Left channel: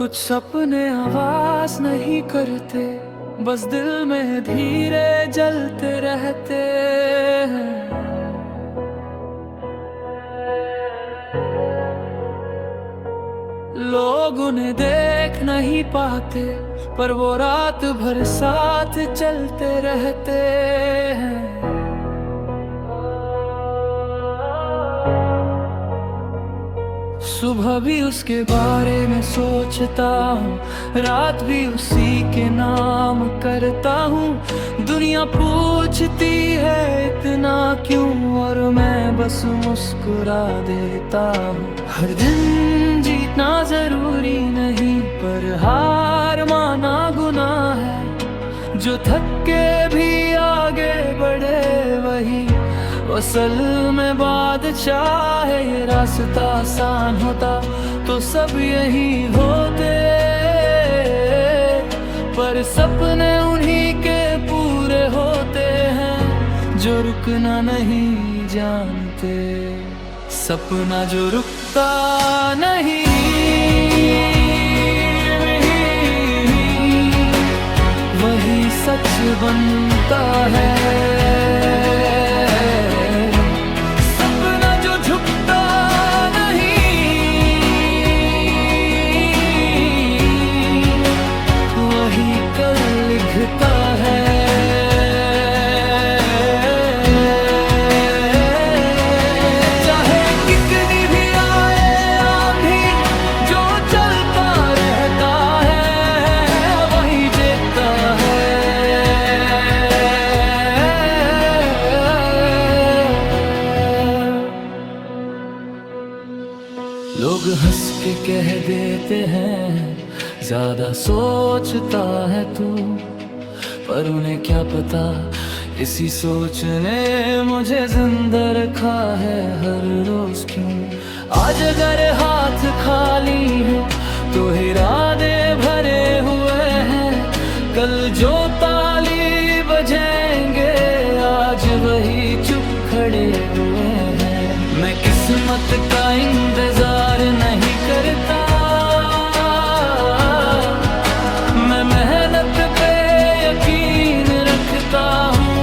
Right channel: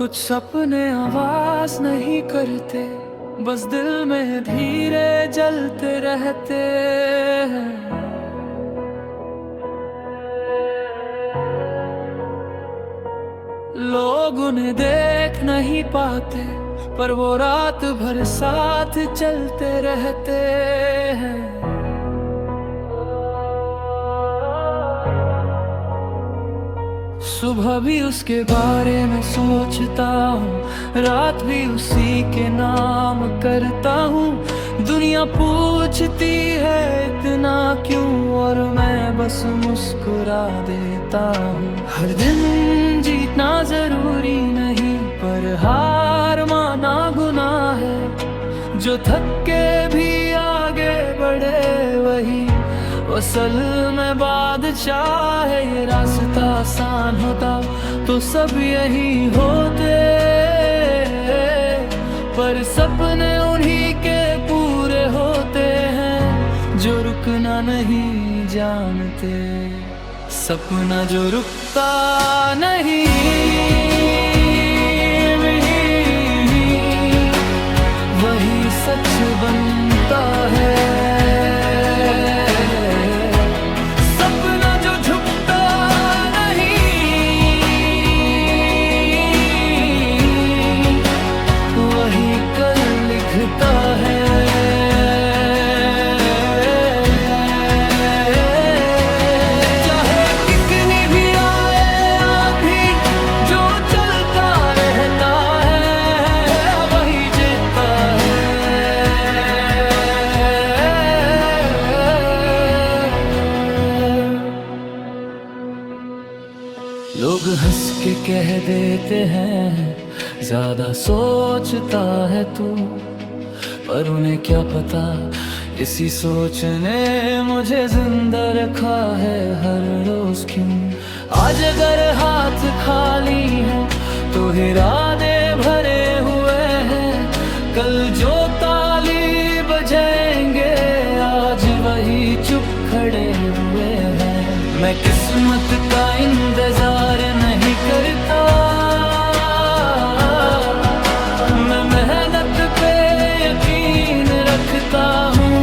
कुछ सपने आवाज नहीं करते, बस दिल में धीरे जलते रहते हैं। लोग उन्हें देख नहीं पाते, पर वो रात भर साथ चलते रहते हैं। सुबह भी उसके बारे में सोचता हूँ, रात भी उसी के नाम करता हूँ। दुनिया पूछती है इतना क्यों, और मैं बस मुस्कुरा देता हूँ। हर दिन जीतना जरूरी नहीं, पर हार माना गुनाह है। जो थक के भी आगे बढ़े वही असल में बादशाह है। ये रास्ता आसान होता तो सब यही होते, पर सपने उन्हीं के पूरे होते हैं जो रुकना नहीं जानते। सपना जो रुकता नहीं वही सच बनता है। सपना जो झुकता नहीं वही कल लिखता है। चाहे कितनी भी आए आंधी, जो चलता रहता है वही जीतता है। लोग हंस के कह देते हैं ज्यादा सोचता है तू, पर उन्हें क्या पता इसी सोच ने मुझे जिंदा रखा है हर रोज क्यों। आज अगर हाथ खाली हैं तो इरादे भरे हुए हैं। कल जो ताली बजेंगे आज वही चुप खड़े हुए हैं। मैं किस्मत का इंतजार नहीं करता, मैं मेहनत पे यकीन रखता हूँ।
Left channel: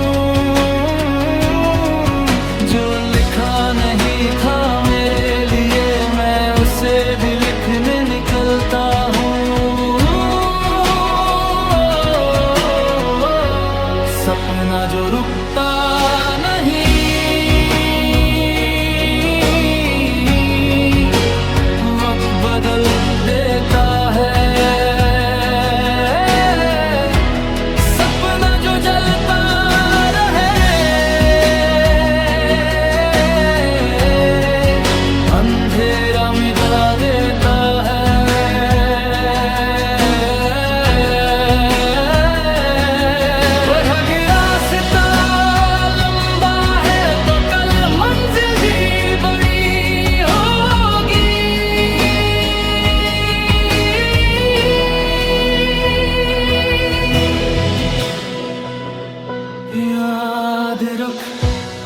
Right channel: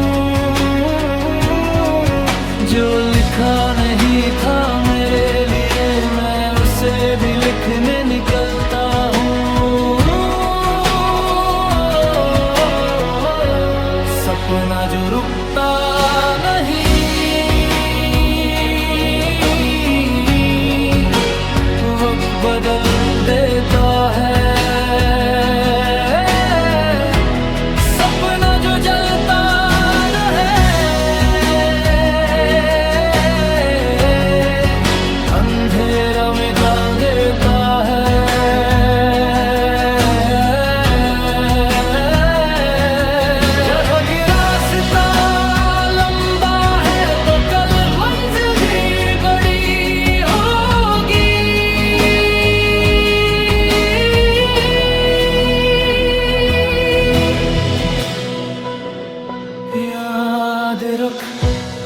जो लिखा नहीं था मेरे लिए मैं उसे भी लिखने निकलता हूँ। सपना जो रुकता नहीं वक्त बदल देता है। सपना जो जलता रहे अंधेरा मिटा देता है। याद रख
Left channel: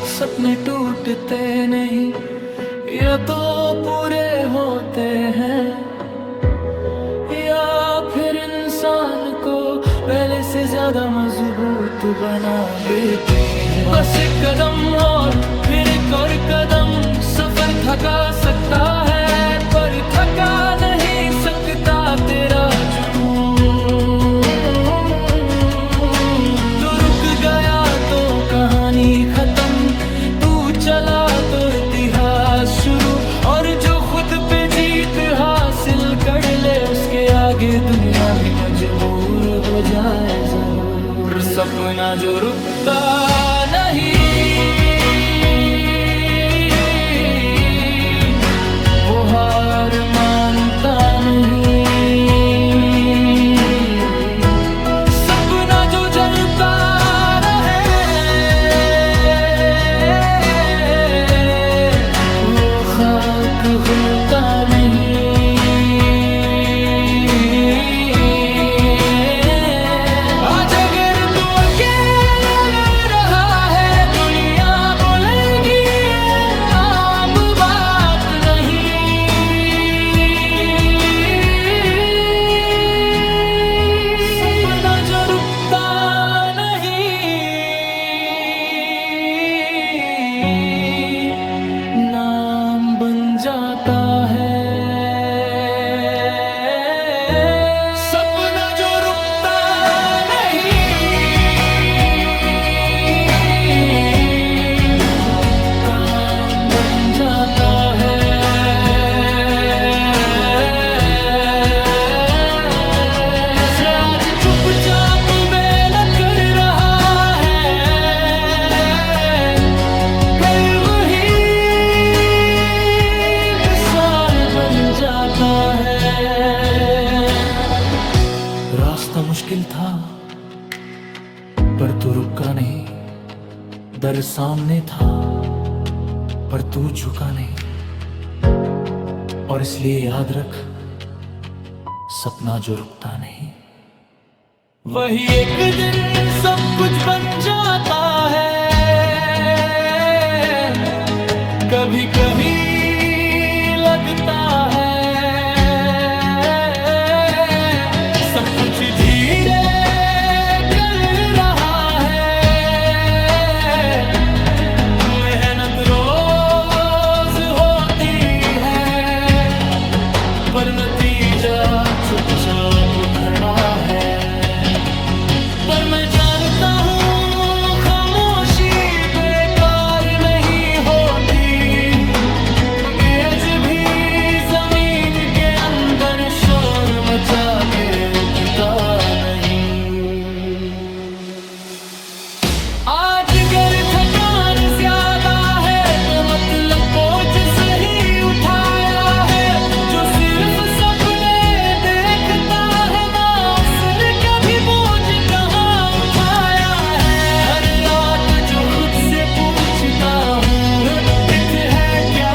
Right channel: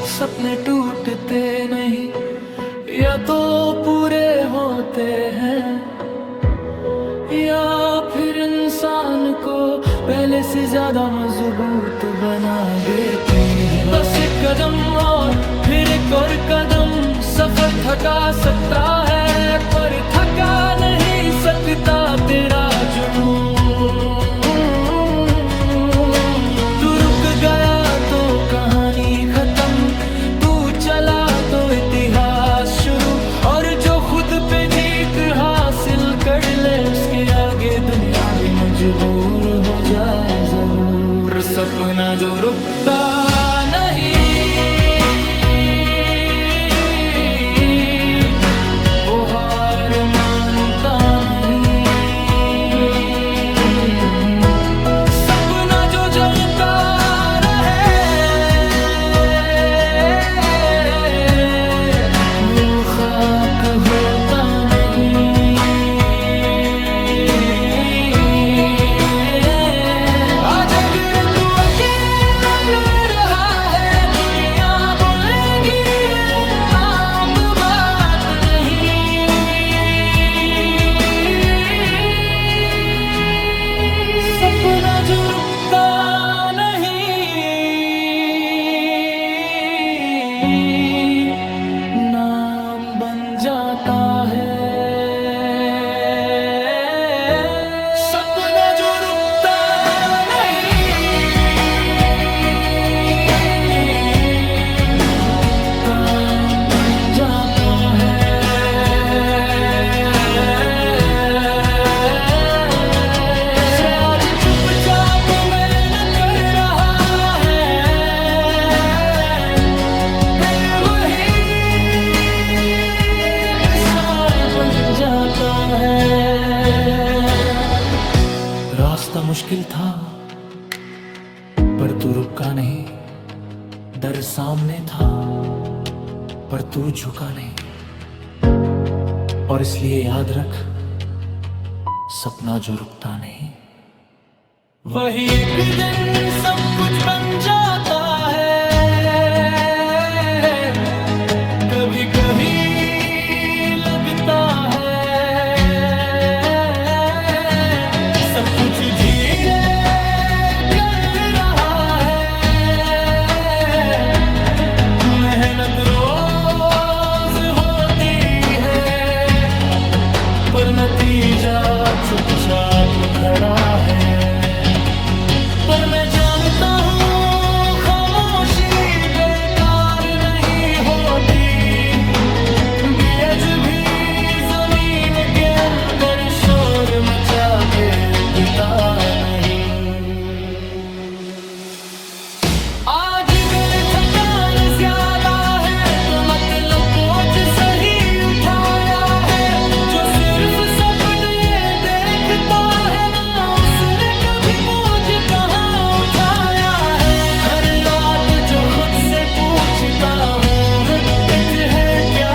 सपने टूटते नहीं, या तो पूरे होते हैं या फिर इंसान को पहले से ज्यादा मजबूत बना देते हैं। बस एक कदम और फिर एक और कदम, सफर थका सकता है पर थका नहीं सकता तेरा जुनून। गया तो कहानी खत्म, तू चला तो इतिहास शुरू। और जो खुद पे जीत हासिल कर ले उसके आगे दुनिया भी मजबूर हो जाए जरूर। सपना जो रुकता नहीं वो हार मानता नहीं। सपना जो जलता खाक होता नहीं। आज अगर तू अकेला लड़ रहा है दुनिया बोलेगी ये अब बात नहीं। चुपचाप मेहनत कर रहा है, फिर वही मिसाल बन जाता है। रास्ता मुश्किल था पर तू रुका नहीं, डर सामने था पर तू झुका नहीं, और इसलिए याद रख, सपना जो रुकता नहीं, वही एक दिन सब कुछ बन जाता है। कभी कहीं लगता है सब कुछ धीरे कर रहा है, मेहनत रोज होती है पर नतीजा चुपचाप खड़ा है। पर मैं जानता हूँ खामोशी बेकार नहीं होती, बीज भी जमीन के अंदर शोर मचा के उगता नहीं। आज अगर थकान ज्यादा है तो मतलब बोझ सही उठाया है। जो सिर्फ सपने देखता है ना, उसने कभी बोझ कहाँ उठाया है। हर रात जो खुद से पूछता हूँ हित है क्या,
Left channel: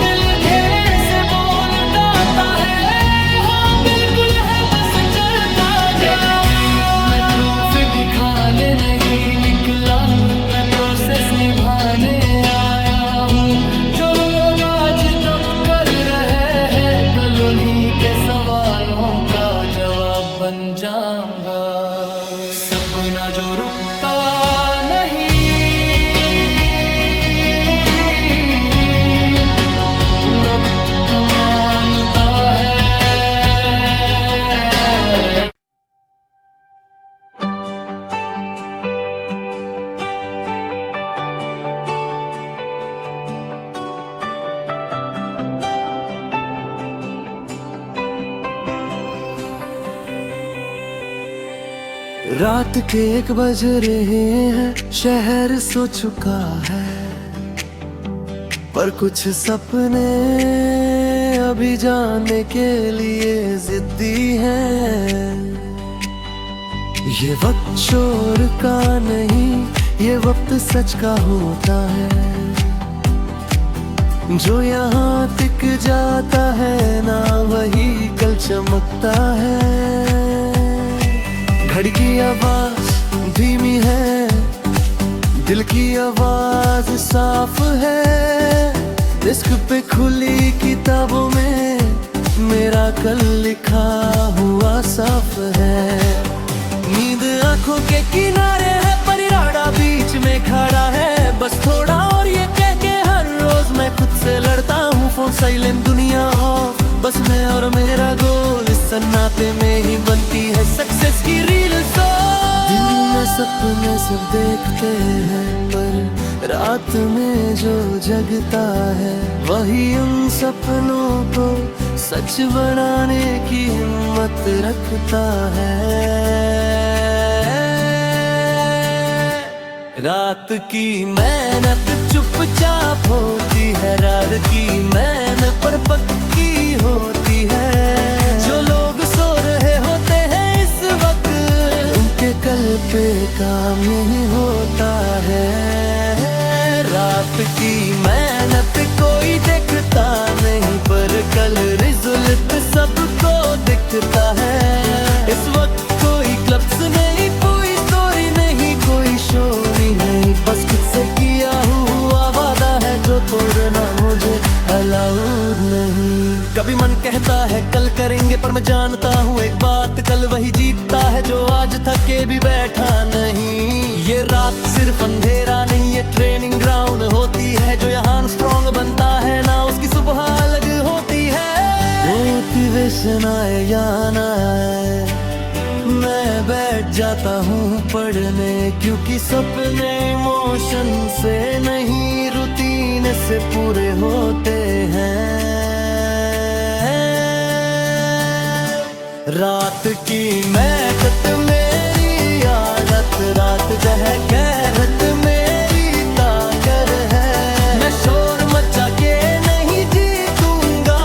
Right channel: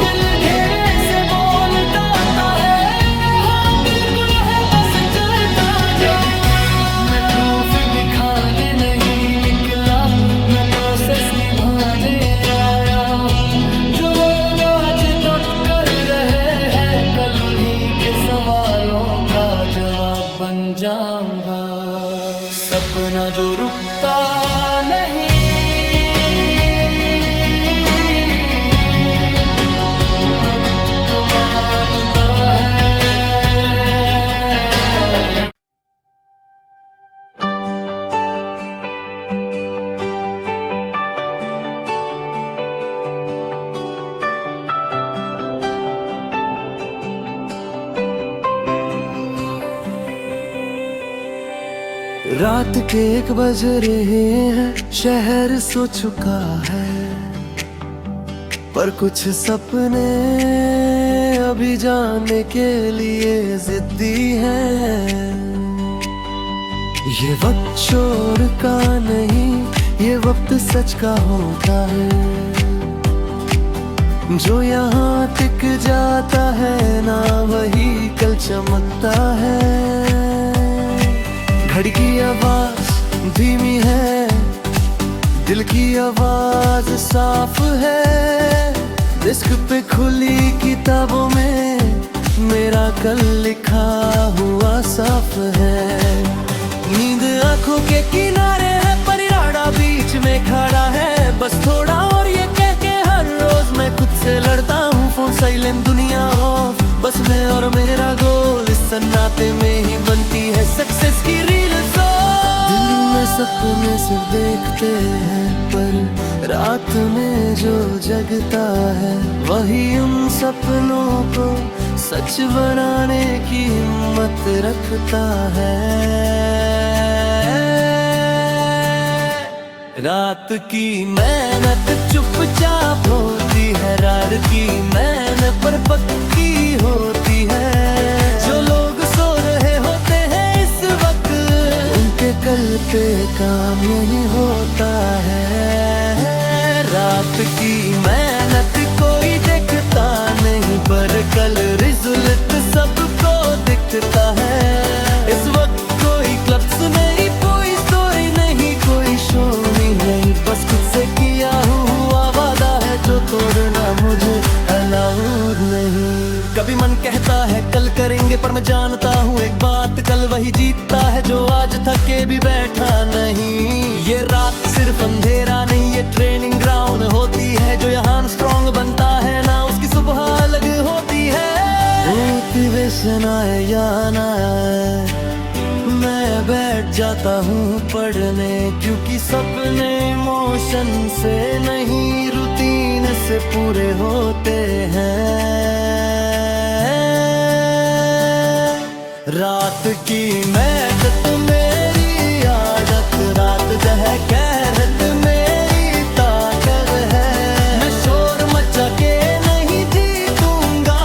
दिल धीरे से बोलता है हाँ बिल्कुल है, बस चलता जा। मैं प्रूफ दिखाने नहीं निकला, मैं प्रोसेस निभाने आया हूँ। जो लोग आज डट कर रहे हैं, कल उन्हीं के सवालों का जवाब बन जाऊंगा। सपना जो रुकता नहीं, वक्त मानता है। रात के 1 बज रहे हैं, शहर सो चुका है, पर कुछ सपने अभी जाने के लिए जिद्दी हैं। ये वक्त शोर का नहीं, ये वक्त सच का होता है। जो यहाँ टिक जाता है ना, वही कल चमकता है। घड़ी की आवाज धीमी है, दिल की आवाज साफ है। डिस्क पे खुली किताबों में मेरा कल लिखा हुआ साफ है। नींद आंखों के किनारे है, पर इरादा बीच में खड़ा है। बस थोड़ा और ये कह के हर रोज मैं खुद से लड़ता हूँ। फोन साइलेंट, दुनिया ऑफ, बस मैं और मेरा गोल। इस सन्नाटे में ही बनती है सक्सेस की रील। दिल में सपने सिर्फ देखते हैं, पर रात में जो जगता है, वही उन सपनों को सच बनाने की हिम्मत रखता है। रात की मेहनत चुपचाप होती है, रात की मेहनत पर पक्की होती है। जो लोग सो रहे होते हैं इस वक्त, उनके कल पे काम यही होता है। रात की मेहनत कोई देखता नहीं, पर कल रिजल्ट सबको दिखता है। इस वक्त कोई क्लब्स नहीं, कोई स्टोरी नहीं, कोई शो नहीं, बस खुद से किया हुआ वादा है जो तोड़ना मुझे अलाउड नहीं। कभी मन कहता है कल करेंगे, पर मैं जानता हूँ एक बात, कल वही जीतता है जो आज थके भी बैठा नहीं। ये रात सिर्फ अंधेरा नहीं, ये ट्रेनिंग ग्राउंड होती है। जो यहाँ स्ट्रॉन्ग बनता है ना, उसकी सुबह अलग होती है। मोटिवेशन आए या ना आए, मैं बैठ जाता हूँ पढ़ने, क्योंकि सपने इमोशन से नहीं रूटीन से पूरे होते हैं। रात की मेहनत मेरी आदत, रात जह कहरत मेरी ताकर है। मैं शोर मचा के नहीं जीतूंगा,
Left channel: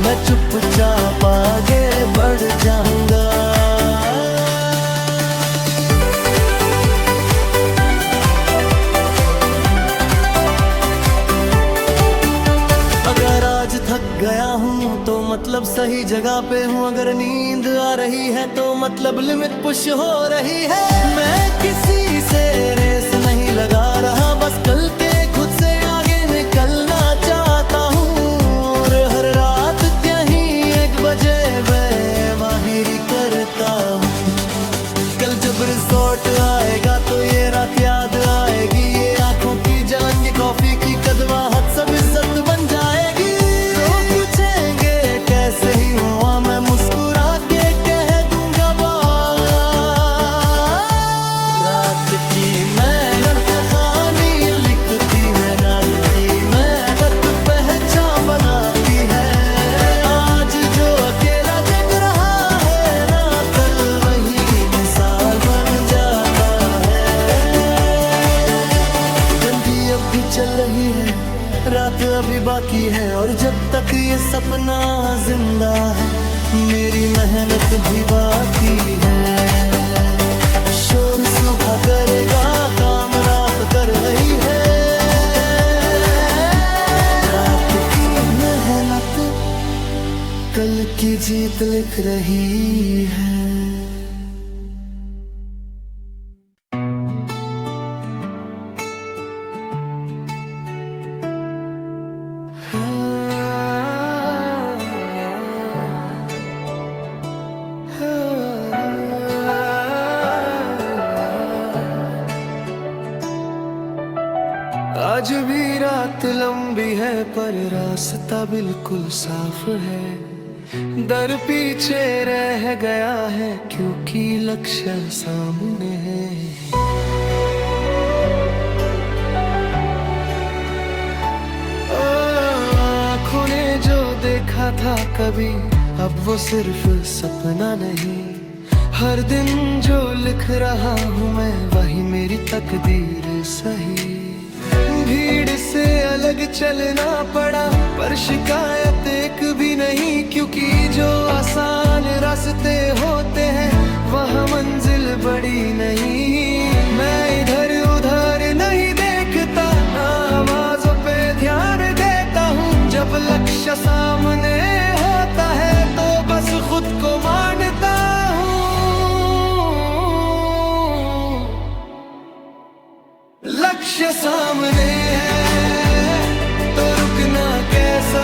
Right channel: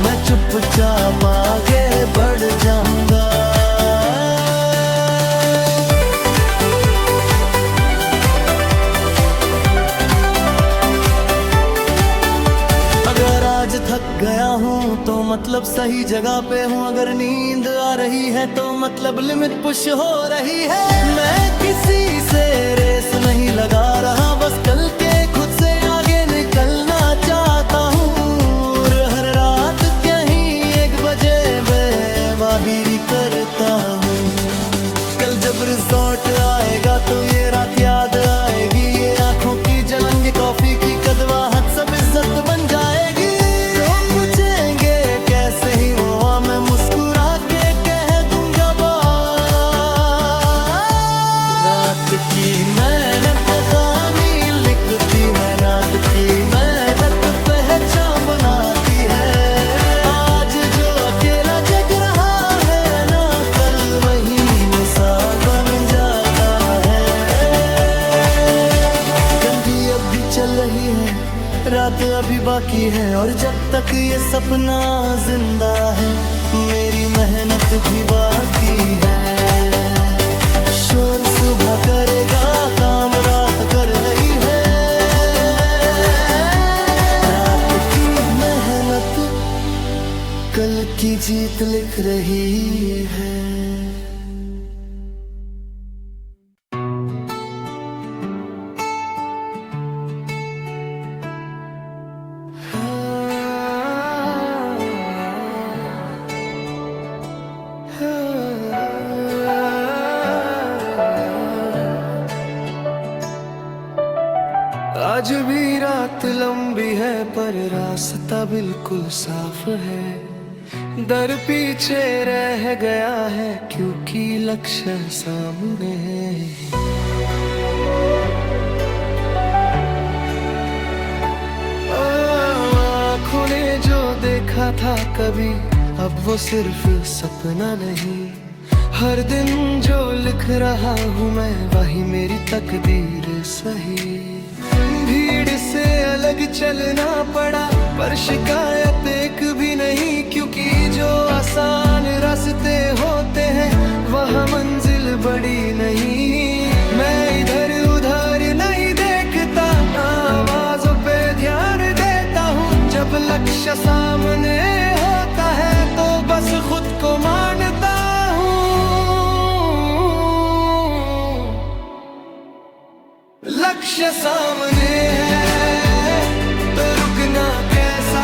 मैं चुपचाप आगे बढ़ जाऊंगा। अगर आज थक गया हूँ तो मतलब सही जगह पे हूँ, अगर नींद आ रही है तो मतलब लिमिट पुश हो रही है। मैं किसी से रेस नहीं लगा रहा, बस कल के खुद से आगे निकलना चाहता हूँ। और हर रात कहीं 1 बजे बेवाहिरी करता हूँ। कल जब रिजॉर्ट आएगा तो ये रात याद आएगी, ये आंखों की जलन, ये कॉफी की कदवाहट सब इज्जत बन जाएगी। तो पूछेंगे कैसे ही हुआ, मैं मुस्कुरा के कह दूंगा बात। रात की मेहनत कहानी लिखती है, रात की मेहनत पहचान बनाती है। आज जो अकेला जग रहा है ना, कल वही मिसाल बन जाता है। गंदी अब भी चल रही है, रात अभी बाकी है, और जब तक ये सपना जिंदा है मेरी मेहनत भी बाकी है। शोर सुबह करेगा काम रात कर रही है, रात की मेहनत कल की जीत लिख रही है। आज भी रात लंबी है पर रास्ता बिल्कुल साफ है। दर पीछे रह गया है क्योंकि लक्ष्य सामने है। आँखों ने जो देखा था कभी, अब वो सिर्फ सपना नहीं। हर दिन जो लिख रहा हूँ मैं, वही मेरी तकदीर सही। भीड़ से अलग चलना पड़ा पर शिकायत एक भी नहीं, क्योंकि जो आसान रास्ते होते हैं वहाँ मंजिल बड़ी नहीं। मैं इधर उधर नहीं देखता, ना आवाजों पे ध्यान देता हूँ। जब लक्ष्य सामने होता है तो बस खुद को मानता हूँ। लक्ष्य सामने है तो रुकना कैसा,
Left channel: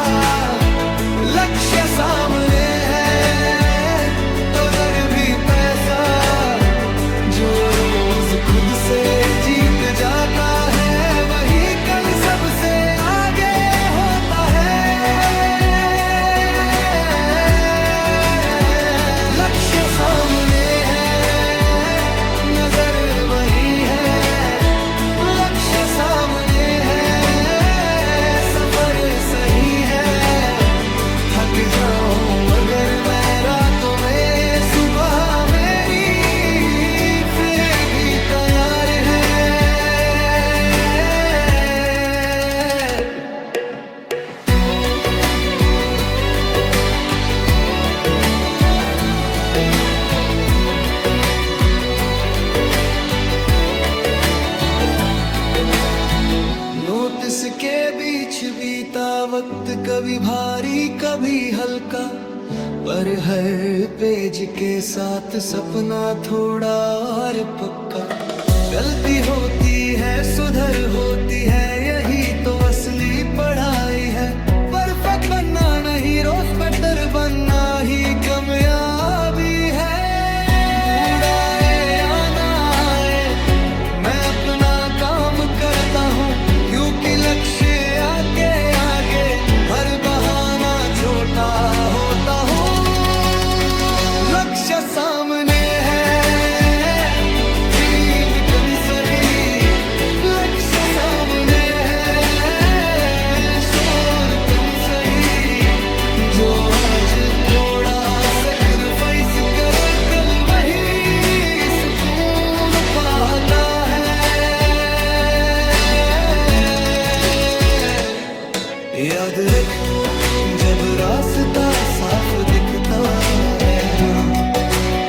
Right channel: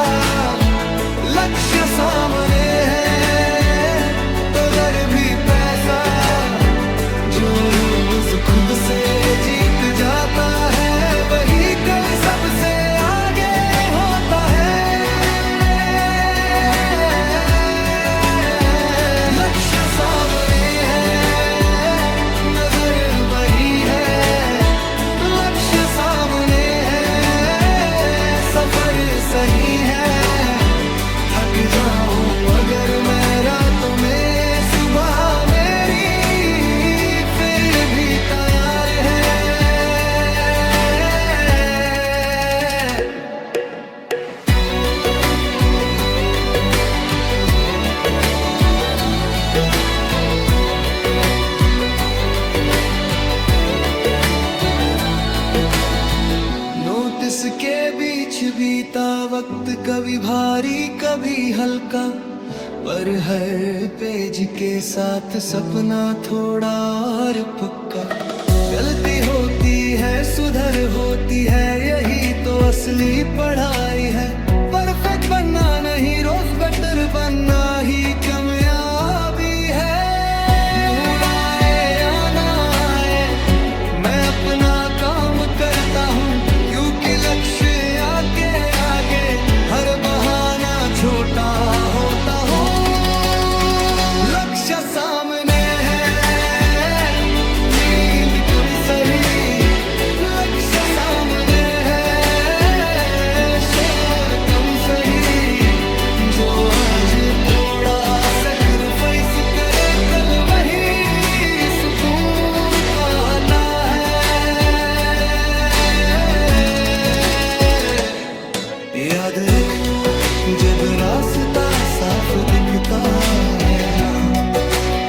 लक्ष्य सामने है तो दर भी पैसा। जो रोज खुद से जीत जाता है वही कल सबसे आगे होता है। लक्ष्य सामने है, नजर वही है। सामने है, सफर सही है। थक जाऊं अगर मैं रातों में, सुबह मेरी फिर भी तैयार है। इसके बीच बीता वक्त कभी भारी कभी हल्का, पर हर पेज के साथ सपना थोड़ा और पक्का। गलती होती है सुधर होती है, यही तो असली पढ़ाई है। परफेक्ट बनना नहीं, रोज बेटर बनना ही कामयाबी है। बूढ़ा आए या ना आए, मैं अपना काम करता हूँ, क्योंकि लक्ष्य आगे आगे हर बहाना छोटा होता हो। लक्ष्य सामने है, नींद कम सही। लक्ष्य सामने है, शोर कम सही। जो आज थोड़ा सैक्रिफाइस रास्ता साफ दिखता है ना,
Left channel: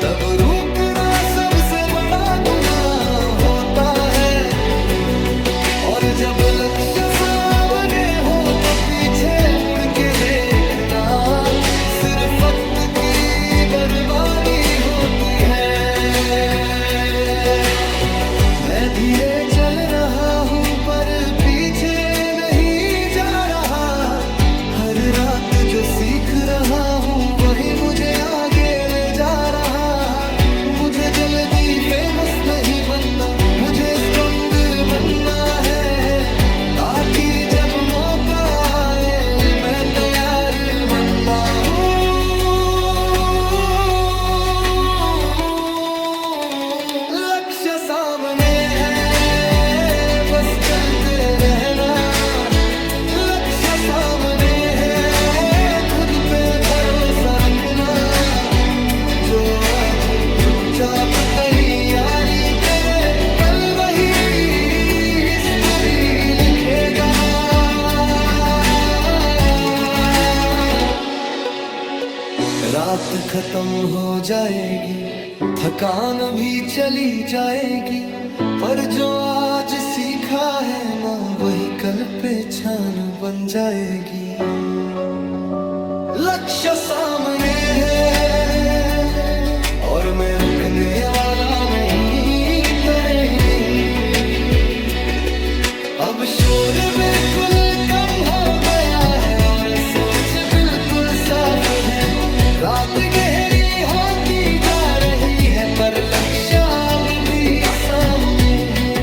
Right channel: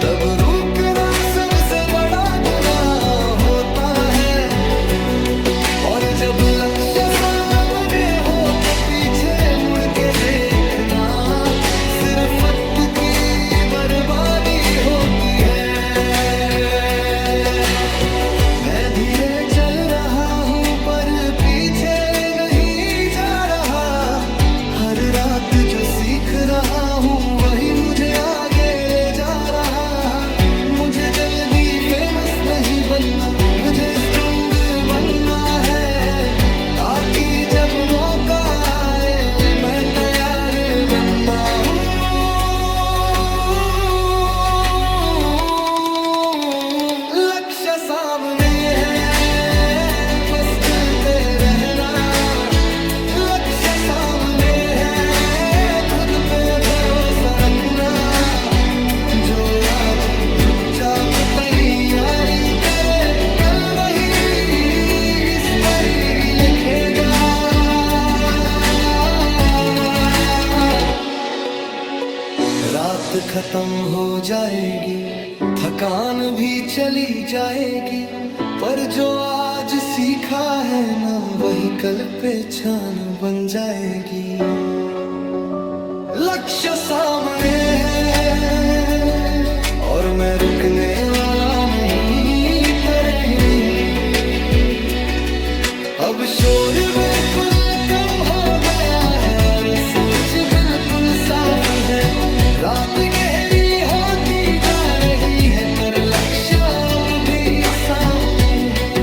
तब रुकना सबसे बड़ा गुनाह होता है। और जब लक्ष्य सामने हो तो पीछे मुड़ के देखना सिर्फ वक्त की बर्बादी होती है। मैं धीरे चल रहा हूँ पर पीछे नहीं जा रहा, हर रात जो सीख रहा हूँ वही मुझे आगे ले जा रहा। मुझे जल्दी फेमस नहीं बनना, मुझे स्ट्रॉन्ग बनना है, ताकि जब मौका आए मैं तैयार बनना हूँ। लक्ष्य सामने है बस चलते रहना, लक्ष्य सामने है खुद पे भरोसा रखना। जो आज चुपचाप तैयारी करे कल वही हिस्ट्री लिखेगा। रात खत्म हो जाएगी, थकान भी चली जाएगी, पर जो आज सीखा है ना वही कल पहचान बन जाएगी। लक्ष्य सामने है और मैं रुकने वाला नहीं, तरह नहीं। अब शोर बिल्कुल कम हो गया है और सोच बिल्कुल साफ है। रात गहरी होती जा रही है पर लक्ष्य अब भी सामने है।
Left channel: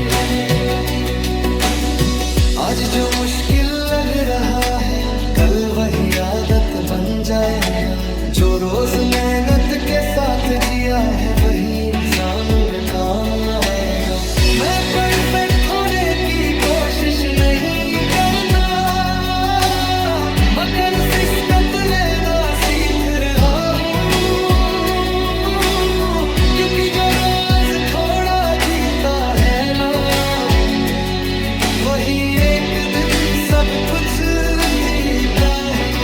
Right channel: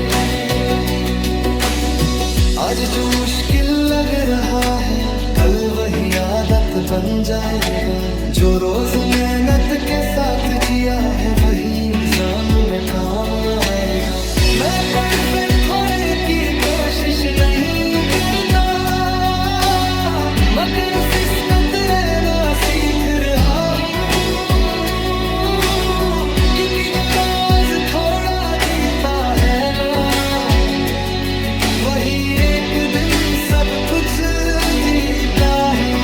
आज जो मुश्किल लग रहा है कल वही आदत बन जाएगा। जो रोज मेहनत के साथ जिया है वही एग्जाम में काम आएगा। मैं परफेक्ट होने की कोशिश नहीं करता, मैं कंसिस्टेंट रहना सीख रहा हूँ, क्योंकि जो रोज थोड़ा जीता है ना वही एक दिन सब कुछ जीता है।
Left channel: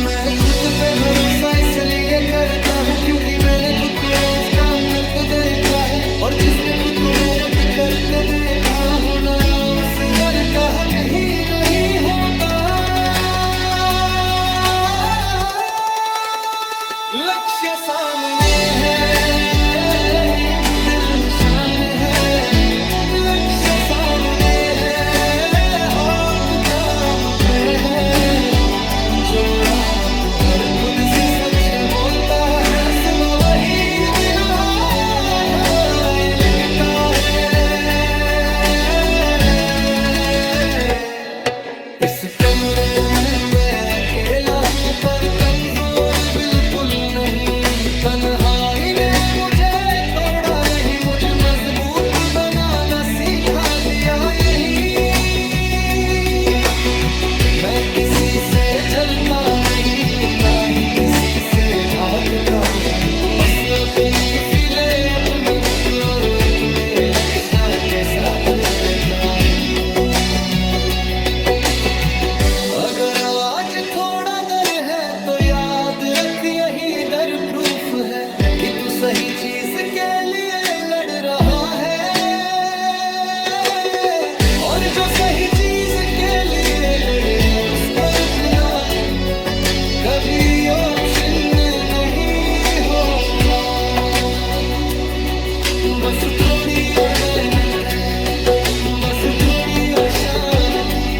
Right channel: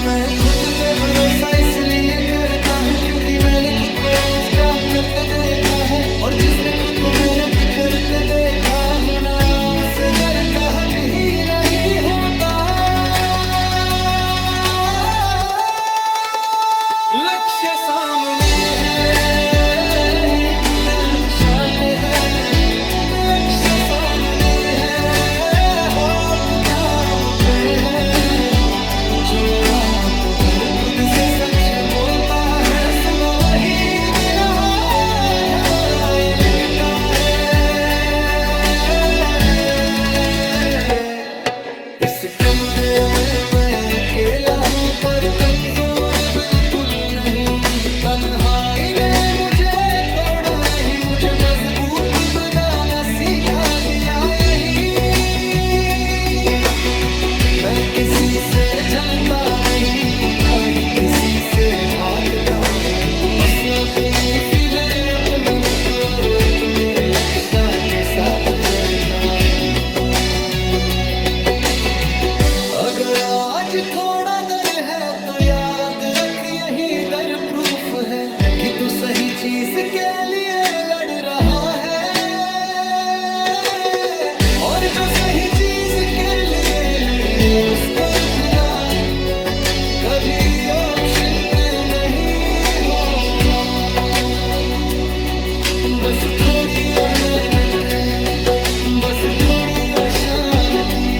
मैं खुद पे भरोसा इसलिए करता हूँ क्योंकि मैंने खुद को रोज काम करते देखा है, और जिसने खुद को मेहनत करते देखा हो ना उससे डर का हक ही नहीं होता। लक्ष्य सामने है, दिल शान है, लक्ष्य सामने है और काम पे है। जो रात भर खुद से सच बोलता है सुबह वही बिना घबराए लिखता है। इस कमरे में मैं अकेला हूँ पर कमजोर बिल्कुल नहीं। तन्हाई ने मुझे तोड़ा नहीं, मुझे मजबूत बनाना सीखा दिया यही। मैं किसी से जलता नहीं ना ही किसी से भागता हूँ, बस अपनी फिले अपनी बुक और अपने लक्ष्य के साथ रहता हूँ। अगर आज थोड़ा डर है तो याद रख यही डर प्रूफ है कि तू सही चीज के लिए लड़ रहा है। और जो सही चीज के लिए लड़े उसका रुकना कभी ऑप्शन नहीं होगा। बस थोड़ी और मेहनत है, बस थोड़ी और शांति,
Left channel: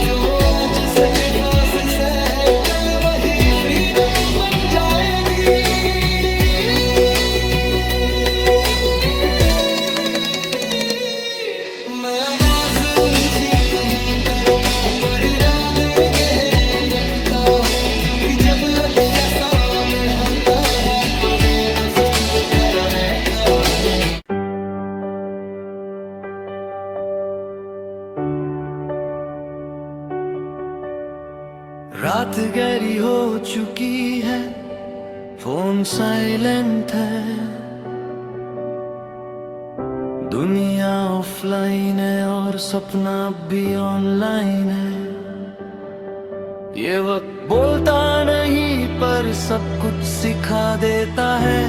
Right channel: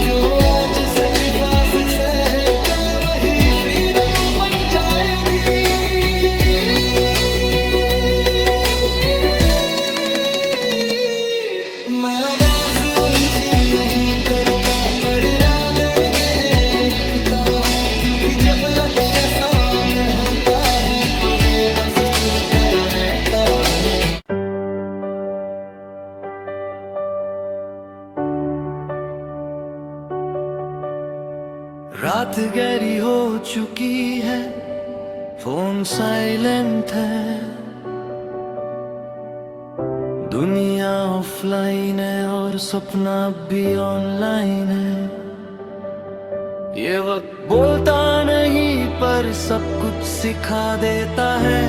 जो आज सैक्रिफाइस से है चल वही फ्रीडम बन जाएगी। मैं आवाज ऊंची नहीं करता पर इरादे गहरे रखता हूँ, क्योंकि जब लक्ष्य सामने होता है तो वे बस शुरू कर रहता हूँ। रात गहरी हो चुकी है, फोन साइलेंट है, दुनिया ऑफलाइन है और सपना भी ऑनलाइन है। ये वक्त बोलता नहीं पर सब कुछ सिखा देता है।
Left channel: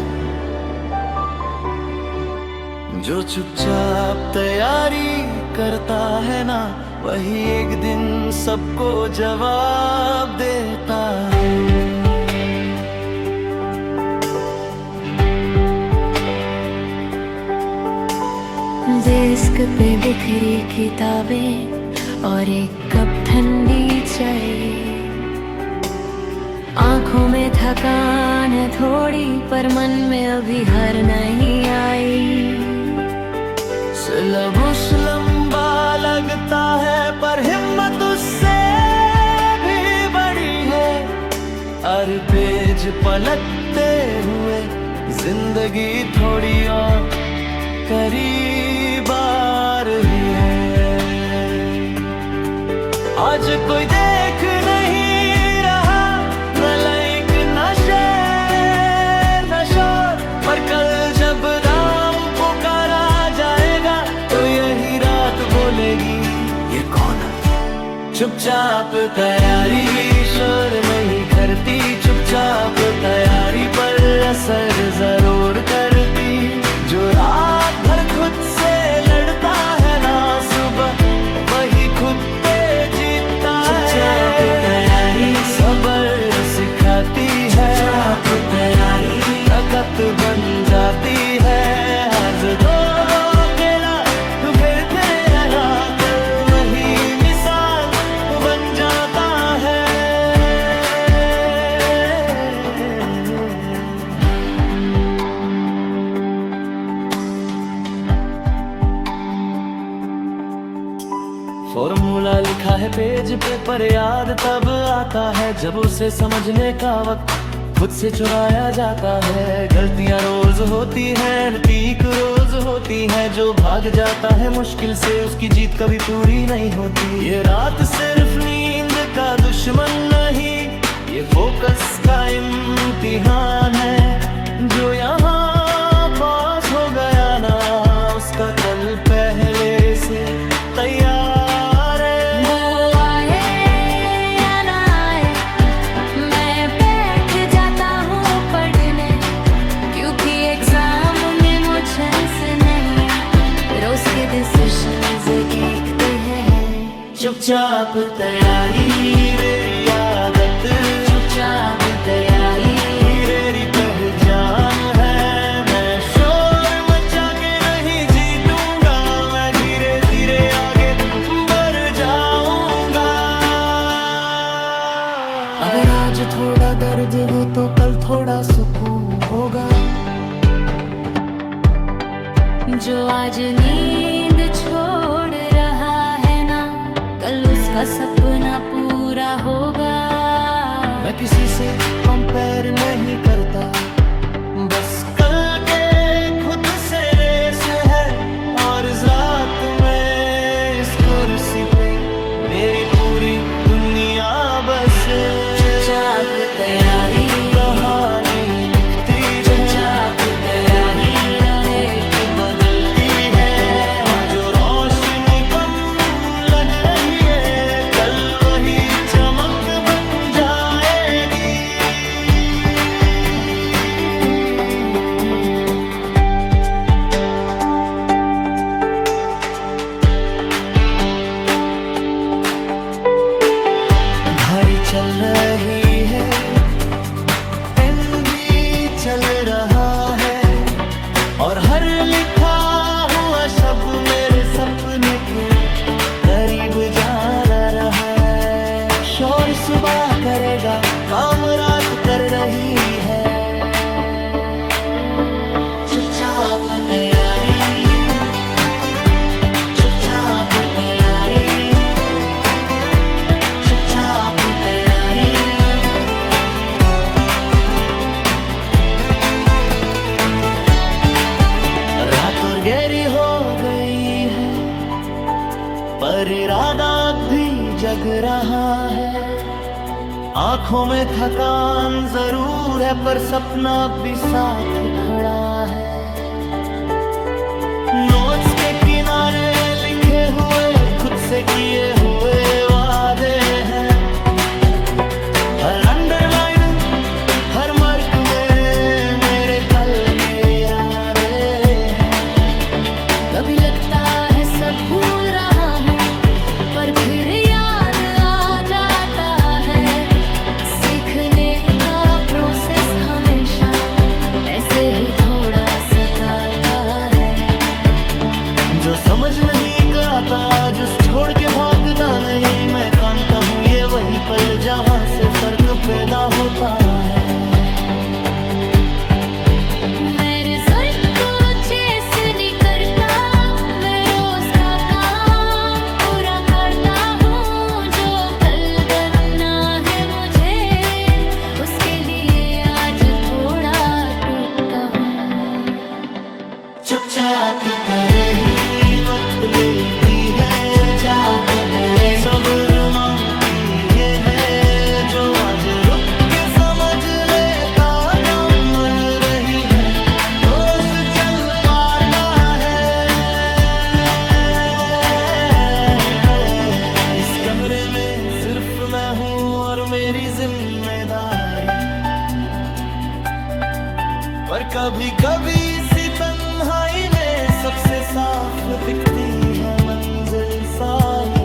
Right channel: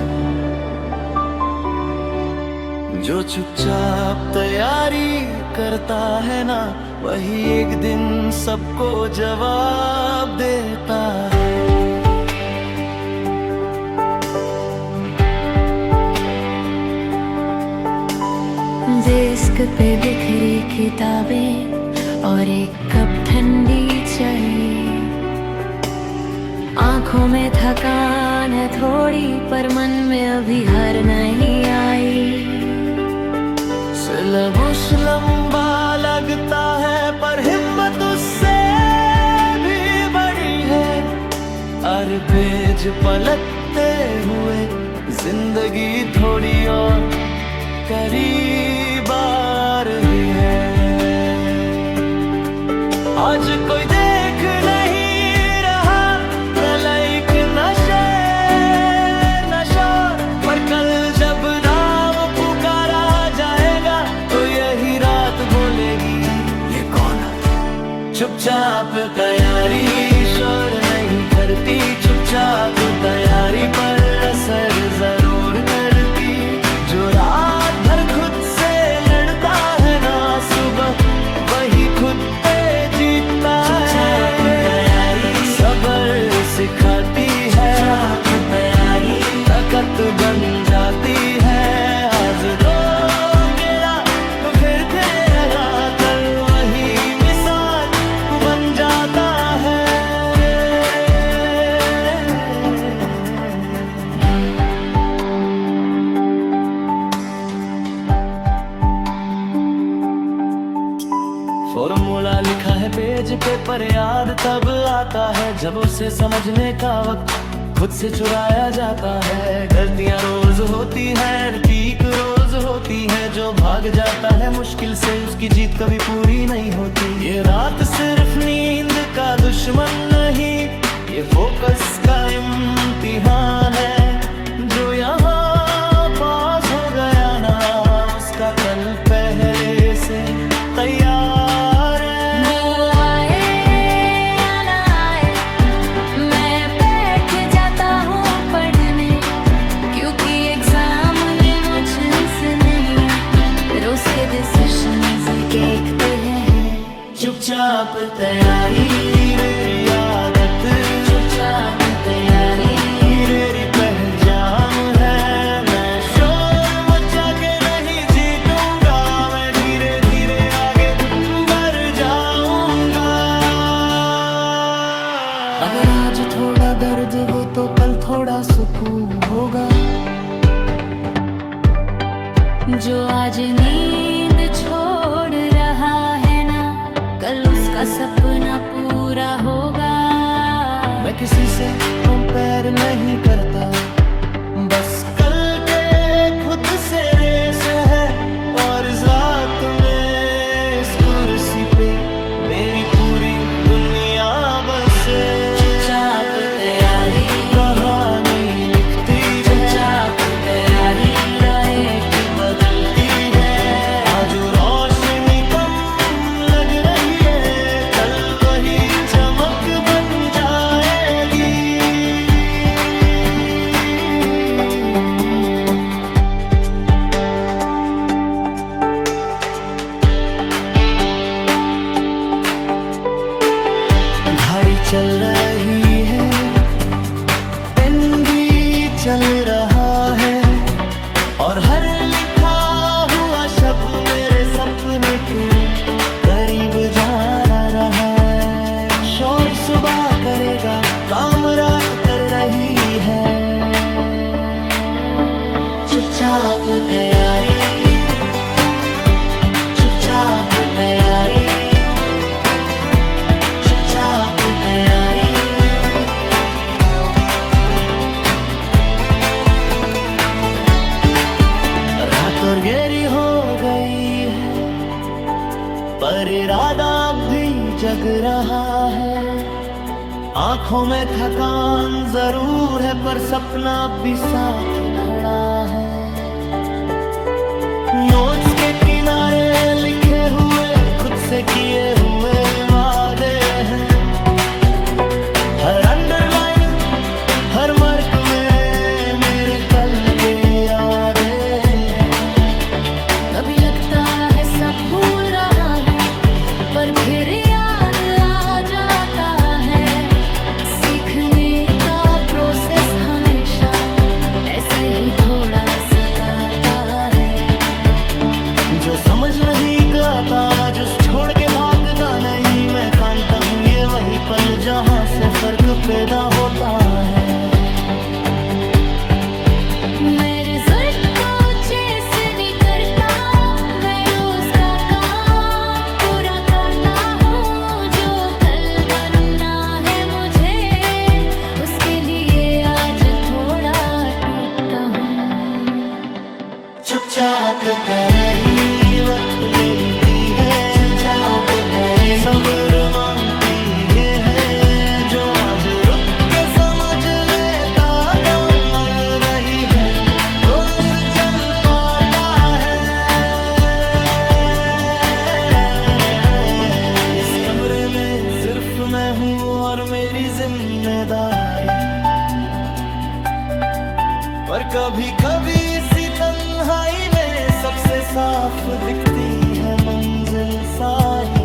जो चुपचाप तैयारी करता है ना, वही एक दिन सबको जवाब देता है। डेस्क पे बिखरी किताबें और एक कप ठंडी चाय, आंखों में थकान है थोड़ी पर मन में अभी हार नहीं आई। सिलेबस लंबा लगता है पर हिम्मत उससे भी बड़ी है। हर पेज पलटते हुए जिंदगी थोड़ी और करीब आ रही है। आज कोई देख नहीं रहा, न लाइक न शेयर न शोर, पर कल जब नाम पुकारा जाएगा तो यही रात बोलेगी ये कौन है। चुपचाप तैयारी शोर नहीं करती, चुपचाप तैयारी पर असर जरूर करती। जो रात भर खुद से लड़ता है ना, सुबह वही खुद पे जीतता है। सबर सिखाती है, ताकत बन जाती है। आज दो अकेला तो फिर तेरा, कल वही मिसाल बन जाता है। फॉर्मूला लिखा है पेज पे पर याद तब आता है जब उसे समझने का वक्त खुद से चुराया जाता है। गलतियां रोज होती हैं, ठीक रोज होती हैं। जो भाग जाता है मुश्किल से उसकी जीत कभी पूरी नहीं होती। ये रात सिर्फ नींद का दुश्मन नहीं, ये फोकस का इम्तिहान है। जो यहाँ पास हो गया ना, उसका कल पहले से तैयार है। वो आए या ना आए, मैं बैठ जाता हूँ पढ़ने, क्योंकि एग्जाम में मुझे से नहीं, रोज के डिसीजंस देखते हैं। चुपचाप तैयारी मेरी आदत, चुपचाप तैयारी मेरी पहचान है। मैं शोर मचा के नहीं जीतूंगा, मैं धीरे धीरे आगे बढ़ जाऊंगा। अगर आज थोड़ा दर्द हो तो कल थोड़ा सुकून होगा। जो आज नींद छोड़ रहा है ना, कल उसका सपना पूरा होगा। मैं किसी से कंपेयर नहीं करता, बस कल के खुद से रेस है। और इस रात में इस कुर्सी पे मेरी पूरी दुनिया बस चुपचाप तैयारी कहानी लिखती है। चुपचाप तैयारी राहें बदलती है। आज जो रोशनी कम लग रही है, कल वही चमक बन जाएगी। घड़ी चल रही है, पेन भी चल रहा है, और हर लिखा हुआ शब्द मेरे सपने के करीब जा रहा है। शोर सुबह करेगा, काम रात कर रही है। चुपचाप तैयारी, चुपचाप तैयारी, चुपचाप तैयारी। रात और गहरी हो गई है, पर इरादा अब भी जग रहा है। आंखों में थकान जरूर है, पर सपना अब भी साथ खड़ा है। नोट्स के किनारे लिखे हुए खुद से किए हुए वादे हैं। हर अंडरलाइन, हर मार्क में मेरे कल के इरादे हैं। कभी लगता है सब भूल रहा हूँ, पर फिर याद आ जाता है। सीखने का प्रोसेस हमेशा ऐसे ही थोड़ा सताता है। जो समझ नहीं आता, जो छोड़ के भागता नहीं, मैं कांता हूँ ये वही पल जहाँ से फर्क पैदा होता है। मैं रिजल्ट को चेस नहीं करता, मैं रोज का काम पूरा करता हूँ। जो कल बनना है मुझे, उसके लिए आज थोड़ा टूटता हूँ। चुपचाप रही वक्त लेती है, सब्र मांगती है। जो आज रुक के समझ लेता, गम रही है, रोज चल पाता है। इस कमरे में सिर्फ मैं हूँ और मेरी जिम्मेदारी, पर कभी कभी इसी तन्हाई में सबसे साफ दिखती है मंजिल सारी।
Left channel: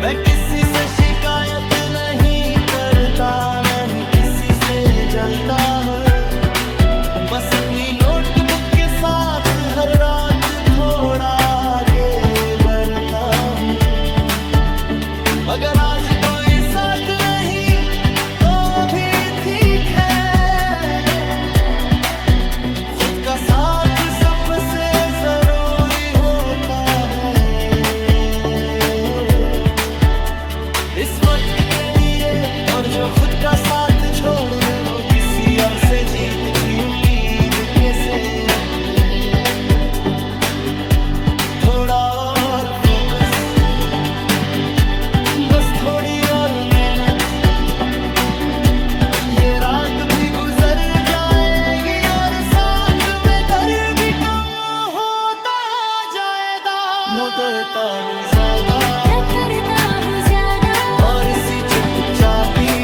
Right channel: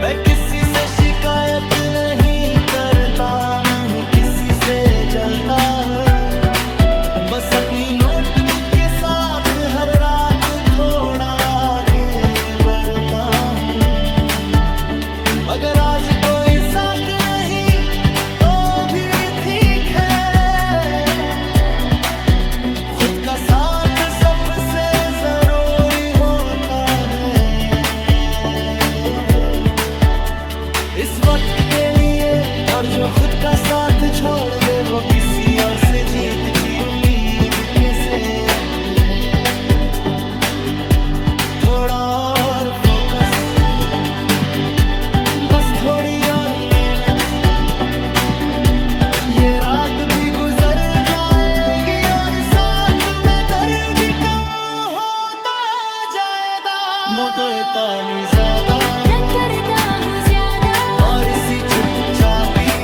मैं किसी से शिकायत नहीं करता, नहीं किसी से जलता हूँ। बस अपनी नोटबुक के साथ हर रात थोड़ा आगे बढ़ता हूँ। मगर आज कोई साथ नहीं तो भी ठीक है। खुद का साथ सबसे जरूरी होता है। इस वक्त के लिए, और जो खुद का साथ छोड़ दे वो किसी और से जीत की उम्मीद कैसे रखे। थोड़ा और फोकस, बस थोड़ी और मेहनत, ये रात भी गुजर जाएगी और साथ में दर्द भी कम होता जाएगा। मोटता नहीं ज्यादा, मैं करता हूँ ज्यादा, और इसी चुपचापी